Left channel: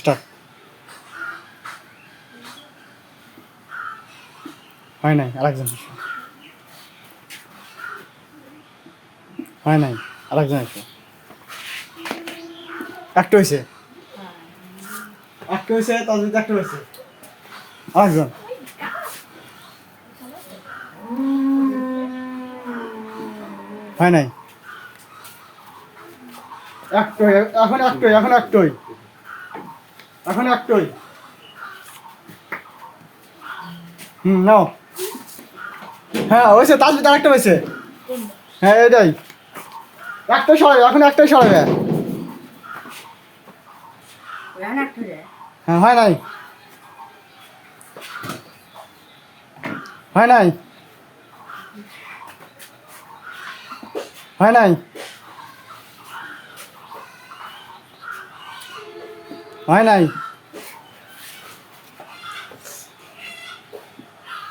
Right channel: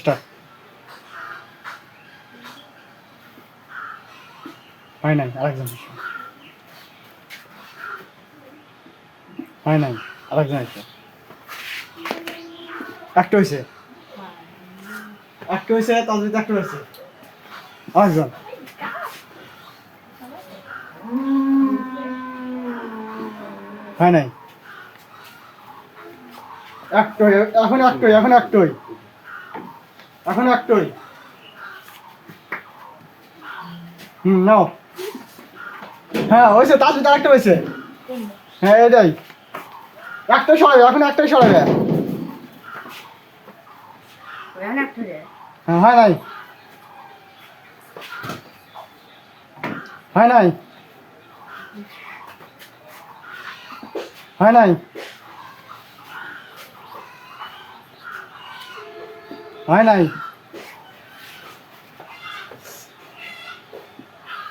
Start. হয় নাই, আরেকজন এসো। হয় নাই, আরেকজন এসো। একটা হয়েছে, একটা হয়েছে, তার যদি একটা হয়েছে আরেকজন। হয় নাই, একটাই, এখন একটাই, এখন একটাই, এখন একটাই। নাও। হ্যাঁ হয়েছে, তার যদি আরেকটা হয়েছে। হ্যাঁ এটাই, একটাই সরাবে, এখন একটাই সরাবে। হ্যাঁ হয় নাই, হয় নাই, হয় নাই, হয় নাই,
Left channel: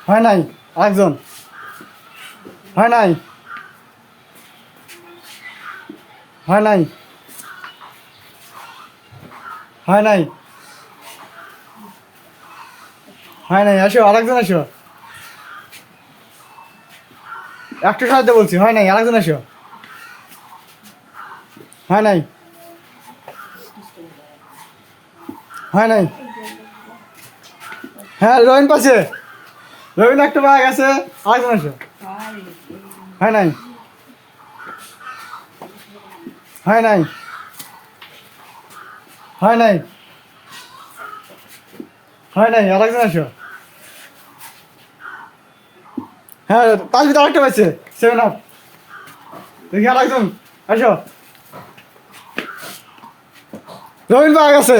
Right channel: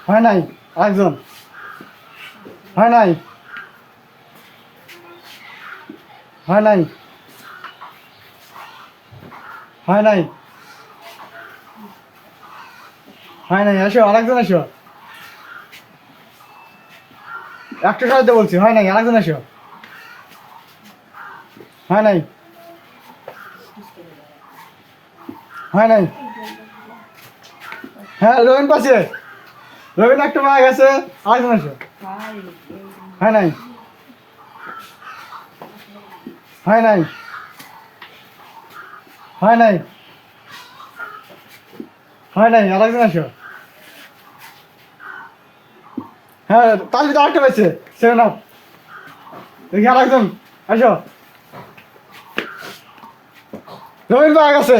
হয় নাই, আরেকজন। হয় নাই, হয় নাই, হয় নাই, হয় নাই, এসো আরেকজন এসো। একটা সাহায্য বলছি, হয় নাই, আরেকজন এসো। হয় নাই, হয় নাই। হ্যাঁ রবিন পাশে, রবিন একটা পায়ে গেছে, আরেকজন এসো। হয় নাই, হয় নাই, হয় নাই, হয় নাই, আরেকজন এসো। হ্যাঁ তার ভিতরে আরেকটা পাইছে, সেভেন আপ। দেখি আরেকজন এসো। রবিন পায়ে গেছে।